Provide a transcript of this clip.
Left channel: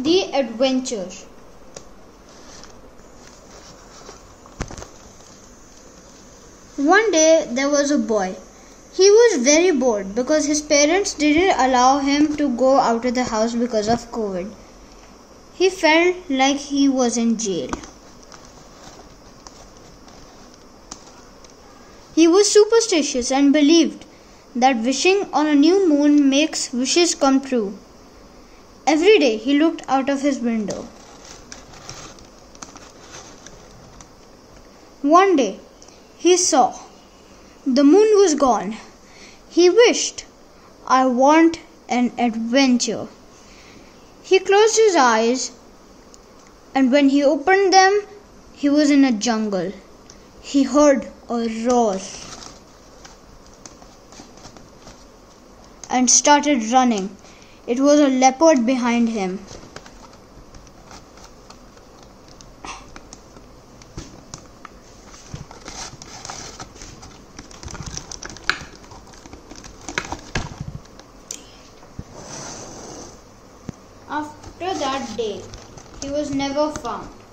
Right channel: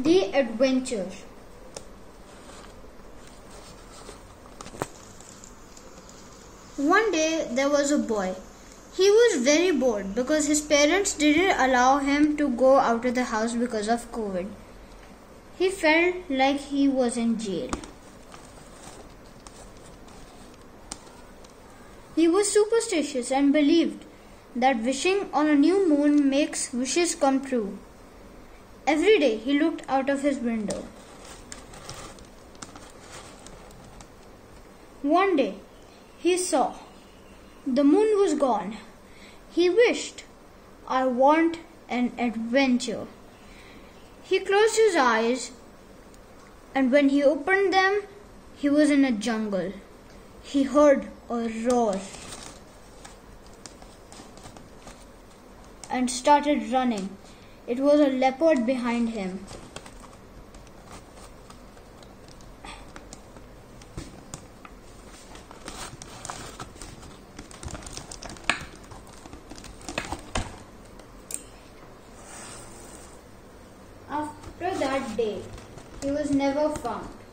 The Adventure. One day there was a boy. He was very bored because his parents didn't allow him to go out of the house because of COVID. He felt like he was in jail. He was superstitious and believed that wishing on a new moon makes wishes come true. Every day he looked out of his window. One day he saw the moon was gone. He wished, "I want an adventure." He closed his eyes, and when he opened them, he was in a jungle. He heard a roar and started running. It was a leopard behind him. After that day, he was never found.